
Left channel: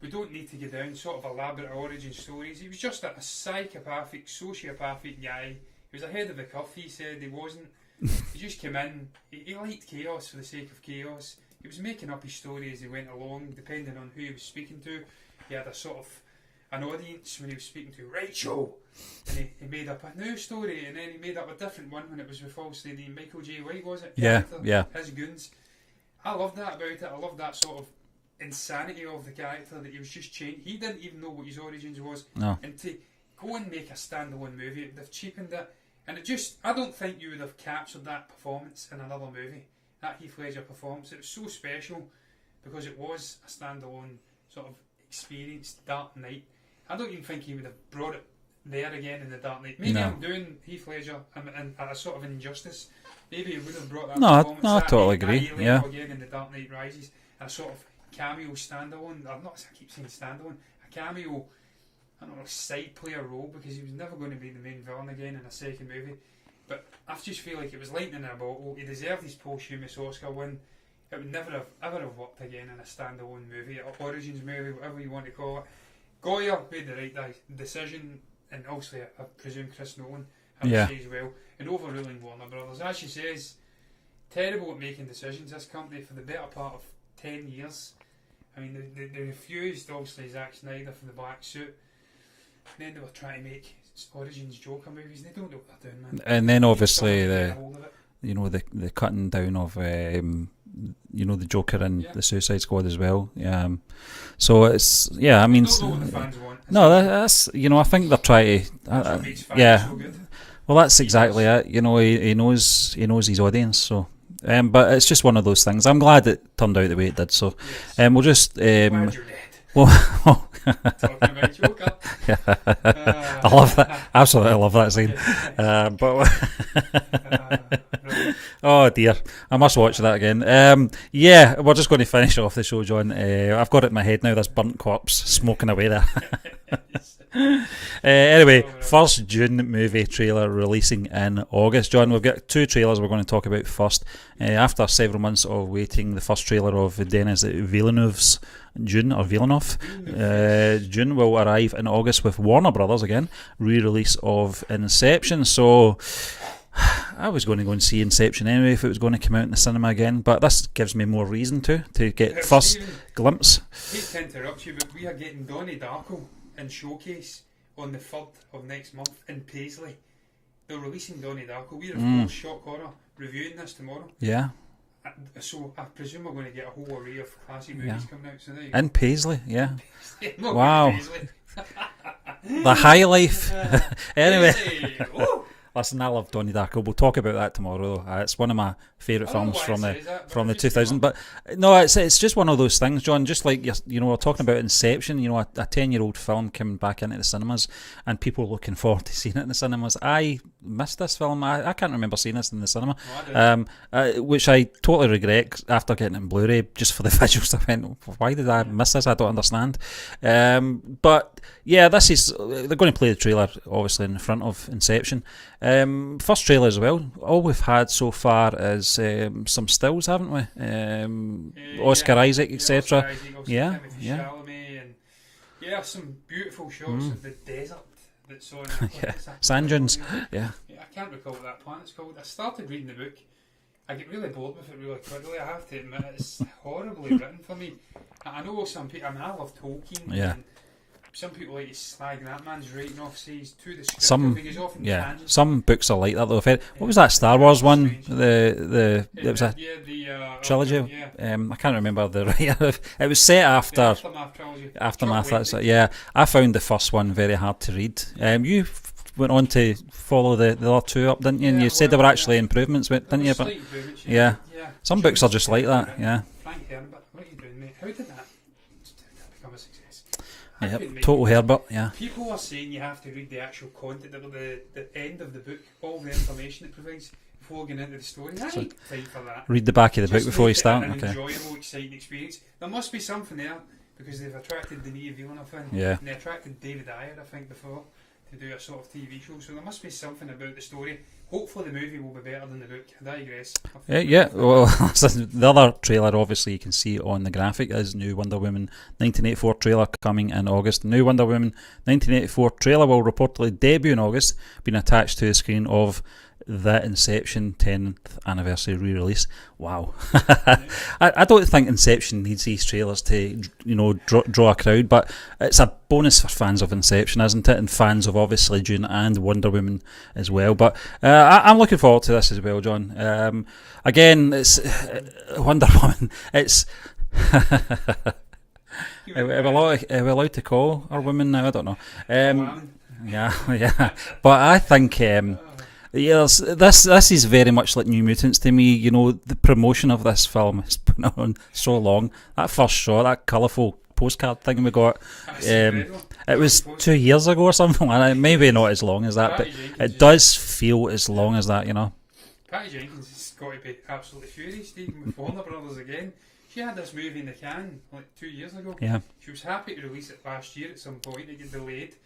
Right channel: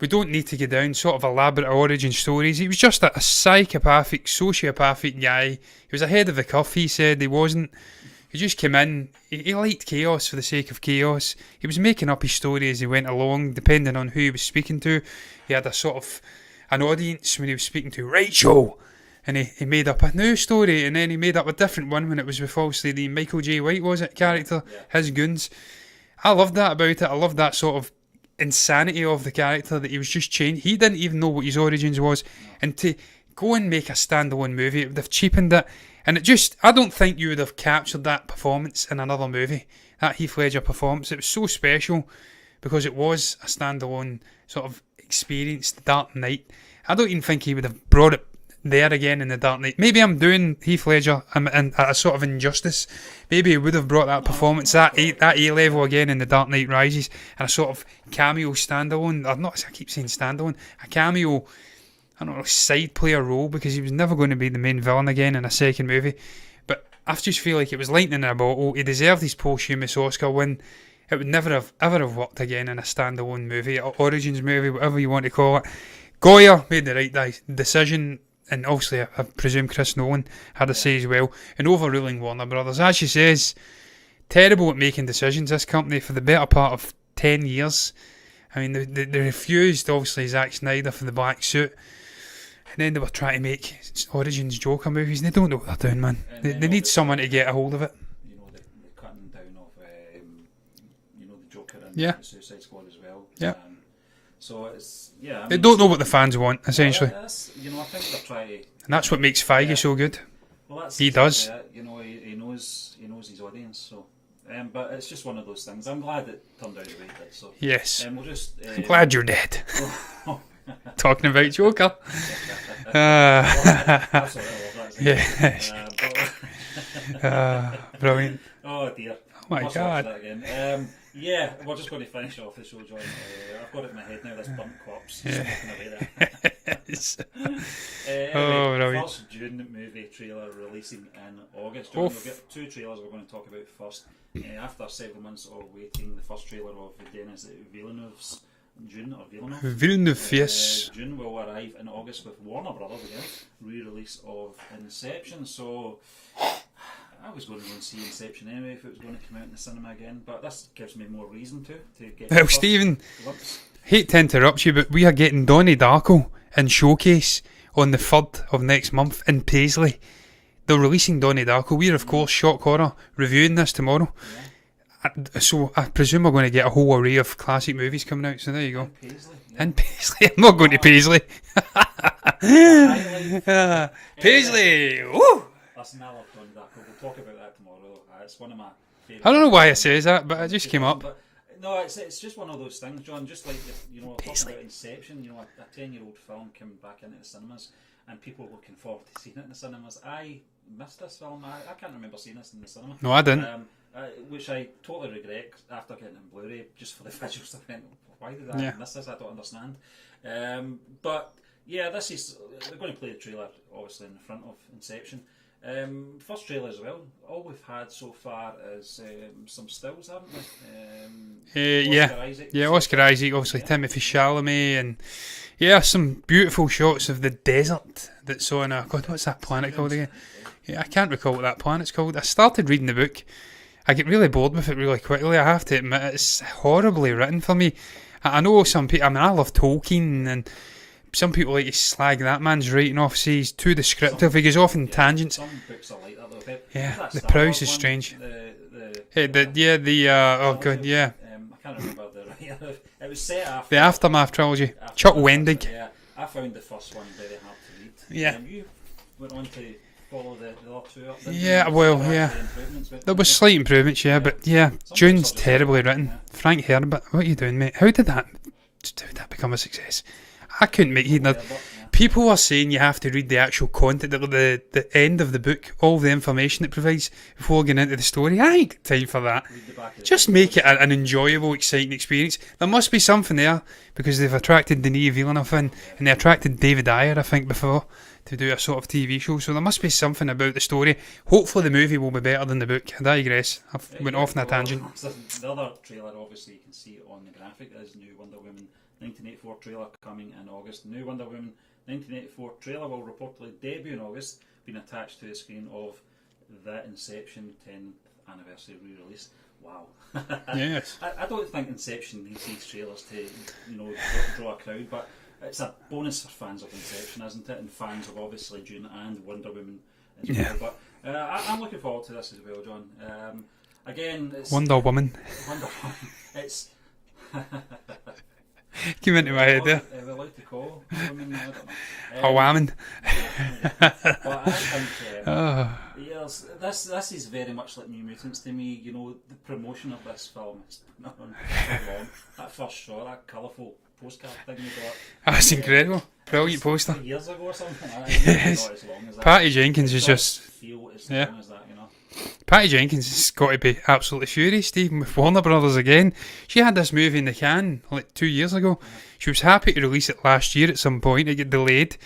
We don't need to go down sort of elaborate origin stories. He was just a psychopathic, sociopathic guy. He was ahead of the curve, he said. He wasn't. He just came in. He liked chaos for the sake of chaos. He was making up his story as he went along, depending on who he was speaking to. He had a sort of an audience when he was speaking to Rachel. And he made up a new story, and then he made up a different one when it was with obviously the Michael J. White, was it, character? Yeah. His goons. I loved that about it. I loved that sort of insanity of the character, that he was just changed. He didn't even know what his origins was. No. And to go and make a standalone movie, it would have cheapened it. And it just, I don't think you would have captured that performance in another movie. That Heath Ledger performance. It was so special because it was a standalone sort of experience, The Dark Knight. I don't even think he would have brought it there again in The Dark Knight. Maybe I'm doing Heath Ledger and a sort of injustice. Maybe he would have brought that performance at A level again in The Dark Knight Rises, and a sort of cameo standalone. I keep saying standalone. A cameo, I don't know, side player role, because he was never going to be the main villain again in a second movie. But I just feel like it was lightning in a bottle. He deserved his posthumous Oscar win. It would never have ever have worked again in a standalone movie, or origins movie, whatever you want to call it. Goya made the right decision. And obviously, I presume Chris Nolan had a say as well, in overruling Warner Brothers. As she says, terrible at making decisions, this company, for the better part of 10 years. I mean, they refused, obviously, Zack Snyder for the black suit. And then they were trying to make Origins Joker movies. They don't know what they're doing, man. And they then need someone to get a hold of it. You know, the cutting down of, the Joker and the Suicide Squad as well. Yeah. So it's, I mean, they don't know what the fans want, essentially. No, that's, I think they're trying to. And that's what makes Feige so good. Well, that's exactly it. He knows his audience. So, but it's just one of those things. I'm glad it turned out the way it did. So, yes. We'll just. Glad you're dead. Talking about Joker. I love that. Absolutely, I love that scene. Brilliant. Oh dear, I must watch that again. We're just going to finish off the show, John. I've got it in my head now. This burnt corpse smoking away there. Anyway, first Dune movie trailer releasing in August. John, we've got two trailers we're going to talk about first. After several months of waiting, the first trailer of Denis Villeneuve's Dune, yes. Dune will arrive in August with Warner Brothers again, re-release of Inception. So I was going to go and see Inception anyway if it was going to come out in the cinema again, but this gives me more reason to get the first Stephen, glimpse. Hate to interrupt you, but we are getting Donnie Darko in Showcase on the 3rd of next month in Paisley. They're releasing Donnie Darko. We're of course Shock Horror reviewing this tomorrow. Yeah. So I presume we're going to get a whole array of classic movies coming out. So there you go. In Paisley, yeah. In Paisley. I'm not going to Paisley. The high life. Paisley. Woo! Listen, I love Donnie Darko. We'll talk about that tomorrow. It's one of my favourite. I don't know why it says that, but it just came up. But no, it's just one of those things, John. Just like we're talking about Inception. A 10-year-old film coming back into the cinemas, and people looking forward to seeing it in the cinemas. I missed this film. I can't remember seeing this in the cinema. No, I didn't. Which I totally regret after getting it in Blu-ray, just for the visuals. I went, why did I miss this? I don't understand. But yeah, they're going to play the trailer obviously in front of Inception. First trailer as well. All we've had so far is some stills, haven't we? Oscar Isaac, etc. Yeah, Oscar Isaac, obviously Timothy Chalamet, and some beautiful shots of the desert that's on what's that planet called again? Yeah, I can't recall what that planet's called. I started reading the book. I get really bored with it really quickly, I have to admit. It's horribly written for me. I know some people, I love Tolkien, and some people like to slag that man's writing off, say he's too descriptive, he goes off in tangents. Some books are like that though. What was that Star Wars one? Strange. I can't remember the writer. It was set after the Aftermath trilogy. Chuck Wendig. Yeah, I found the first one very hard to read. You went on to follow the other two up, didn't you? You said there were actually improvements. There were slight improvements, but some books are just terribly written. Yeah. Frank Herbert, what are you doing, mate? How did that become a success? I couldn't make it. Herbert, People are saying you have to read the actual content, the end of the book, all the information it provides before getting into the story. I ain't got time for that. Read the back of the Just book before make you start. An enjoyable, exciting experience. There must be something there, because they've attracted Denis Villeneuve and they attracted David Ayer, I think, before, to do a sort of TV show. So there must be something about the story. Hopefully the movie will be better than the book. I digress. The other trailer, obviously, you can see on the graphic, is new Wonder Woman 1984 trailer coming in August. New Wonder Woman 1984 trailer will reportedly debut in August, being attached to the screen of the Inception 10th anniversary re-release. Wow. I don't think Inception needs these trailers to draw a crowd, but it's a bonus for fans of Inception, isn't it? And fans of obviously Dune and Wonder Woman as well. But I'm looking forward to this as well, John. Again, it's Wonder Woman. It's Are we allowed to call a woman now? I don't know. A woman. Yeah. But I think this is very much like New Mutants to me. The promotion of this film has been on so long. That first shot, that colourful postcard thing we got. That's incredible. It was 2 years ago or something like that. Maybe not as long as that. Patty Jenkins. It does feel as long as that, Patty Jenkins has got to be absolutely furious, Stephen, with Warner Brothers again. She had this movie in the can like 2 years ago. Yeah. She was happy to release it last year at some point. It got delayed.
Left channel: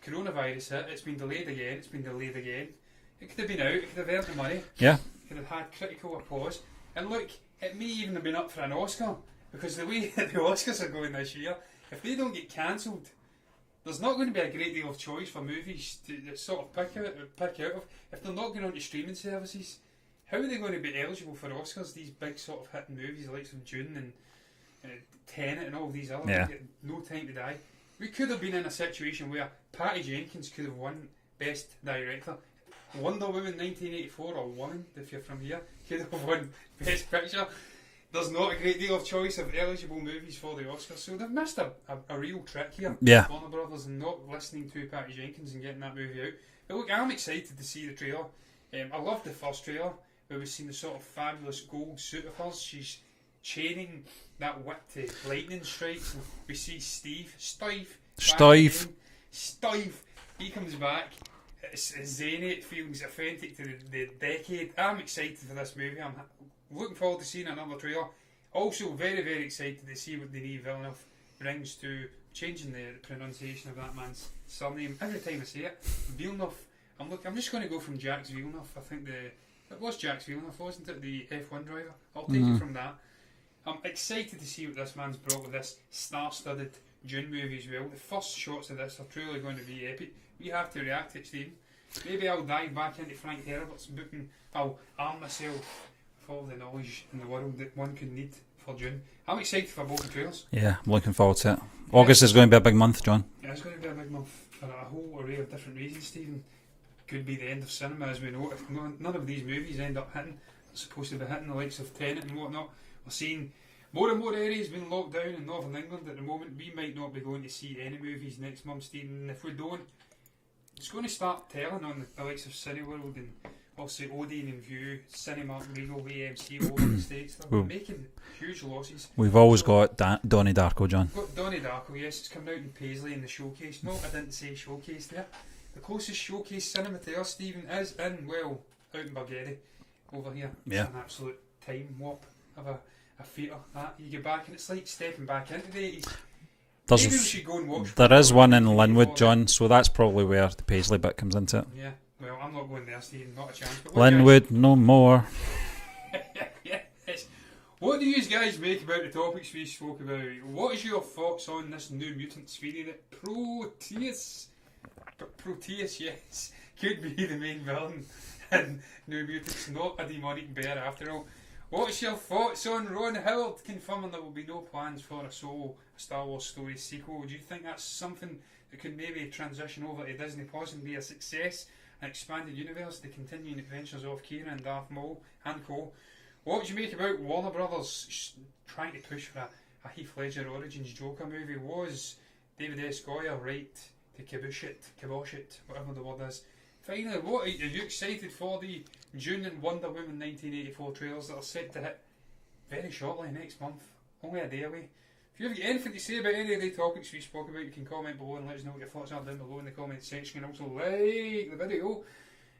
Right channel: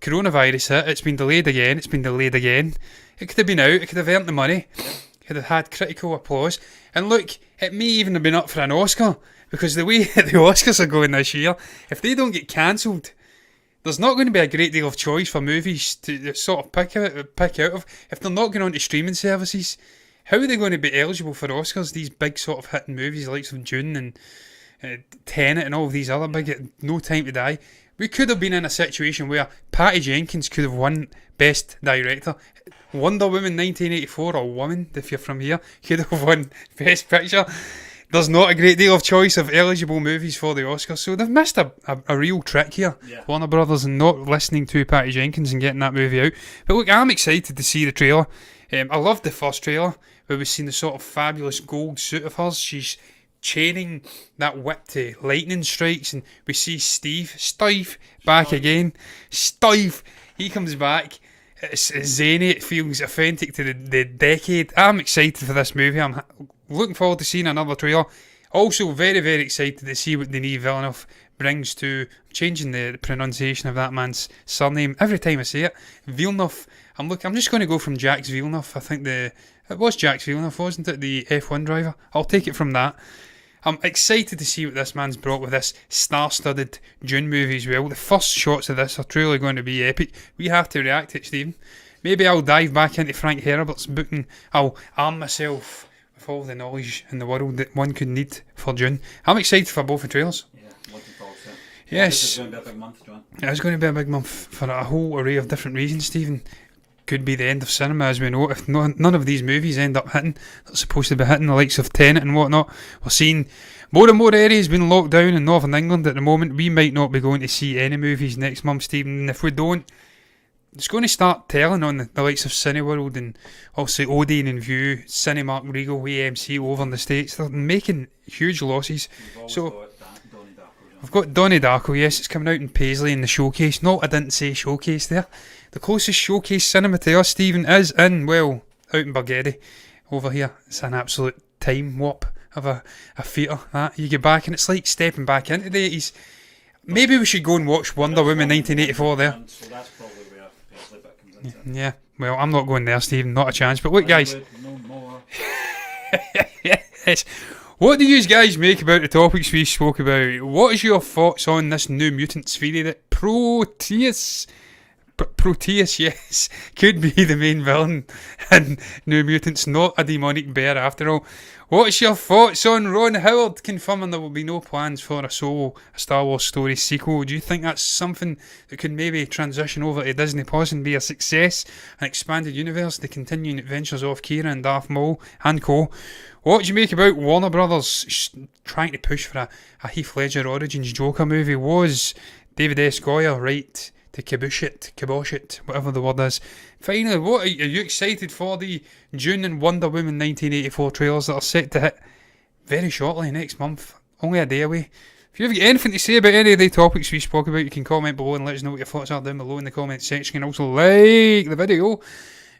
Coronavirus hit. It's been delayed again. It's been delayed again. It could have been out. It could have earned the money. Yeah. It could have had critical applause. And look, it may even have been up for an Oscar, because the way the Oscars are going this year, if they don't get cancelled, there's not going to be a great deal of choice for movies to sort of pick out of. If they're not going on to streaming services, how are they going to be eligible for Oscars? These big sort of hitting movies, the likes of Dune and Tenet and all of these other big No Time to Die. We could have been in a situation where Patty Jenkins could have won Best Director. Wonder Woman 1984, or Woman, if you're from here, could have won Best Picture. There's not a great deal of choice of eligible movies for the Oscars, so they've missed a real trick here. Warner Brothers, and not listening to Patty Jenkins and getting that movie out. But look, I'm excited to see the trailer. I loved the first trailer, where we've seen the sort of fabulous gold suit of hers. She's chaining that whip to lightning strikes, and we see Steve back again. Steve, he comes back. It's zany, it feels authentic to the decade. I'm excited for this movie. I'm looking forward to seeing another trailer. Also very, very excited to see what Denis Villeneuve brings to changing the pronunciation of that man's surname every time I say it. Villeneuve. I'm just going to go from Jacques Villeneuve. I think it was Jacques Villeneuve, wasn't it? The F1 driver. I'll take it from that. I'm excited to see what this man's brought with this star-studded Dune movie as well. The first shots of this are truly going to be epic. We have to react to it, Stephen. Maybe I'll dive back into Frank Herbert's book and I'll arm myself with all the knowledge in the world that one could need for Dune. I'm excited for both the trailers. Yeah, I'm looking forward to it. Yes. August is going to be a big month, John. It's going to be a big month for a whole array of different reasons, Stephen. Could be the end of cinema, as we know. If none of these movies end up hitting, they're supposed to be hitting, the likes of Tenet and whatnot. We're seeing more and more areas being locked down in Northern England at the moment. We might not be going to see any movies next month, Stephen. And if we don't, it's going to start telling on the likes of Cineworld and obviously Odeon and View, Cinemark, Regal, AMC over in the States. They're making huge losses. We've always got Donnie Darko, John. We've got Donnie Darko, yes, it's coming out in Paisley in the Showcase. No, I didn't say Showcase there. The closest Showcase cinema to us, Stephen, is in, well, out in Bargeddie over here. It's an absolute time warp of a theatre, that. You get back and it's like stepping back into the 80s. Maybe we should go and watch Wonder Woman 1984 there. John, so that's probably where the Paisley bit comes into it. Yeah, well, I'm not going there, Stephen, not a chance. But look, Linwood, guys, no more. Yes. What do you guys make about the topics we spoke about? What is your thoughts on this New Mutants theory that Proteus, yes, could be the main villain in New Mutants, not a demonic bear after all? What's your thoughts on Ron Howard confirming there will be no plans for a Star Wars story sequel? Do you think that's something that could maybe transition over to Disney Plus and be a success, an expanded universe, the continuing adventures of Kira and Darth Maul and co? What do you make about Warner Brothers trying to push for a Heath Ledger Origins Joker movie? Was David S. Goyer right to kibosh it, whatever the word is? Finally, what are you excited for the Dune and Wonder Woman 1984 trailers that are set to hit very shortly next month? Only a day away. If you've got anything to say about any of the topics we spoke about, you can comment below and let us know what your thoughts are down below in the comment section. And also like the video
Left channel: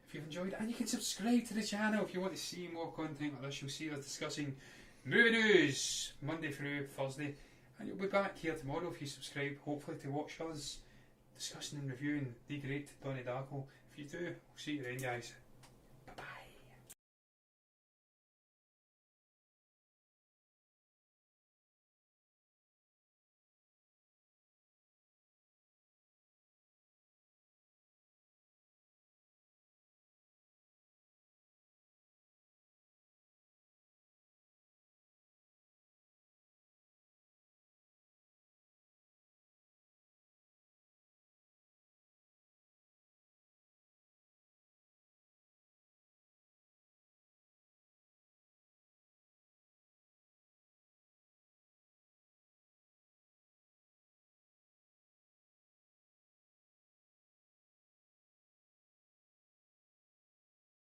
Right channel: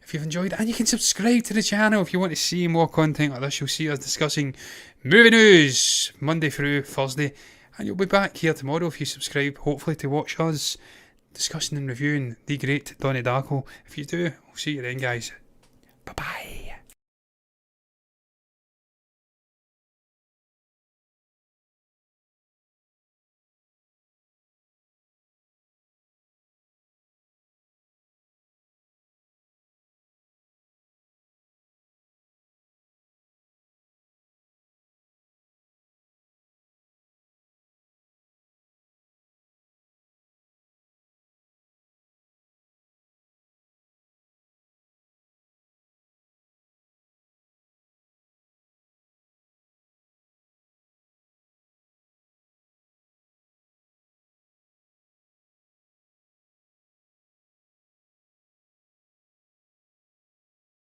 if you've enjoyed it, and you can subscribe to the channel if you want to see more content like this. You'll see us discussing movie news Monday through Thursday, and you'll be back here tomorrow if you subscribe, hopefully, to watch us discussing and reviewing the great Donnie Darko. If you do, we'll see you then, guys. Bye bye.